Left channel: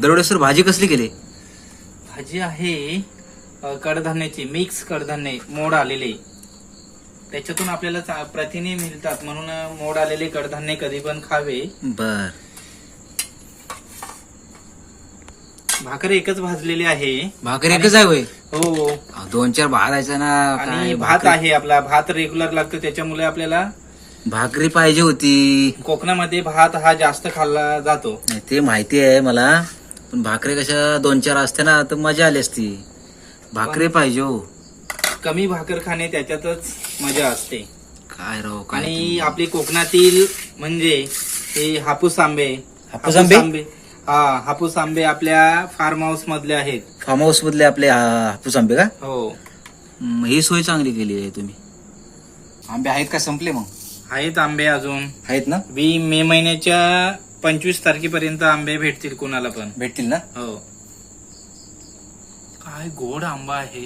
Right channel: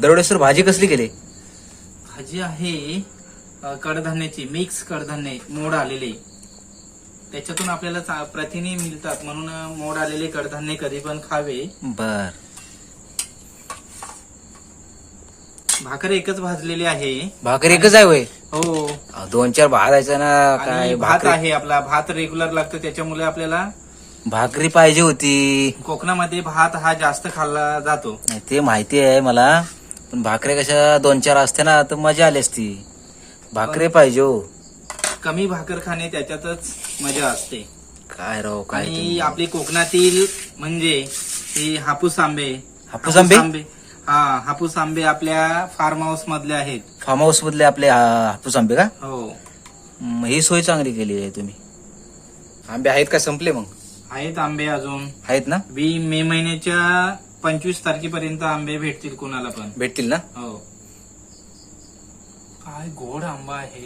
दरोडे सर भाजी कसली केली? भाजी आहे कडधान्याची, मिक्स कडधान्य मोड आलेले, त्याच्यातून आपल्याला प्रथिने मिळतात म्हणून मोड आलेले कडधान्य कधी पण खावे. बर. भाकर एकच भाजलेली आहे. भाकर एकच आहे वय? हो. 2-4 भात आहे ना. आणि काय भात आहे आपला, भात रेग्युलर लागतो त्याच्यामुळे आपल्याला भाकरी पाहिजे होती. कोकणामध्ये भात हा जास्त खाल्ला जातो. नाही ते माहिती आहे मला, पण भाकरी कशा 2-4 असते ना तर मजा आली असती. भाकरी पाहिजे हो. कमी भाकर खाणे त्याच्यातच मजा असते. काय राव काय आणि तुम्ही. आपली कोकणातील म्हणजे हे हापूस आंबे. हापूस आंबे? हा, हापूस आंबे आपल्या फार्म हाऊस मधले आहेत. फार्म हाऊस मधले आपले हापूस आंबे का? हो. ही सोय चांगली केली आहे तुम्ही. आंबे आहेत का संपले मग? आहेत आंबे अजून. आहेत ना? मे महिन्याच्या 25 तारखेपर्यंत आंबे भेटतील कोणाला पण. भेटतील ना? हो. काय गोड आंबा आहे,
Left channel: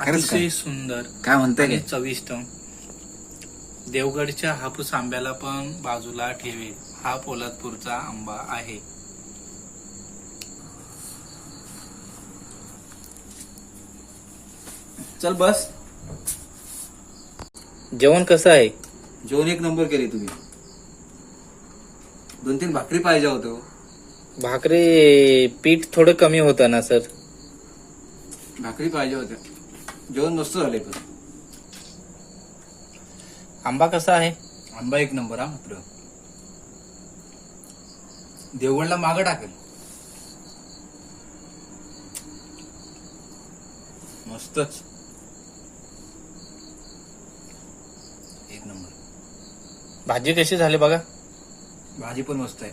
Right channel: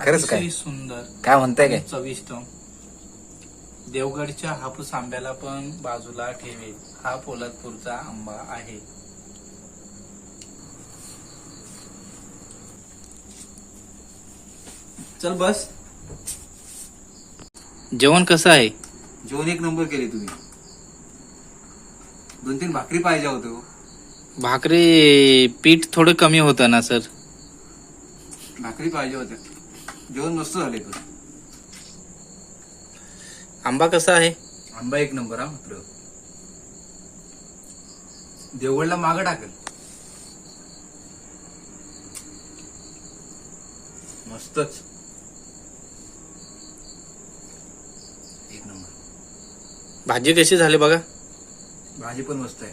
खरंच काय? अतिशय सुंदर, काय म्हणताय आणि काय? चविष्ट. देवगडच्या हापूस आंब्याला पण बाजूला ठेवे, हा पोलादपूरचा आंबा आहे. चल बस. जेवण कसं आहे? जेवण एक नंबर केली तुम्ही. 2-3 भाकरी पाहिजे होतो. भाकरी पीठ थोडं कमी होतं ना सर. भाकरी पाहिजे होत्या. जेवण मस्त झाले पण. आंबा कसा आहे? आंबा एक नंबर हा मात्र. देवगडला मागं टाकेल. मस्तच. एक नंबर. भाजी कशी झाली बघा. भाजी पण मस्त आहे.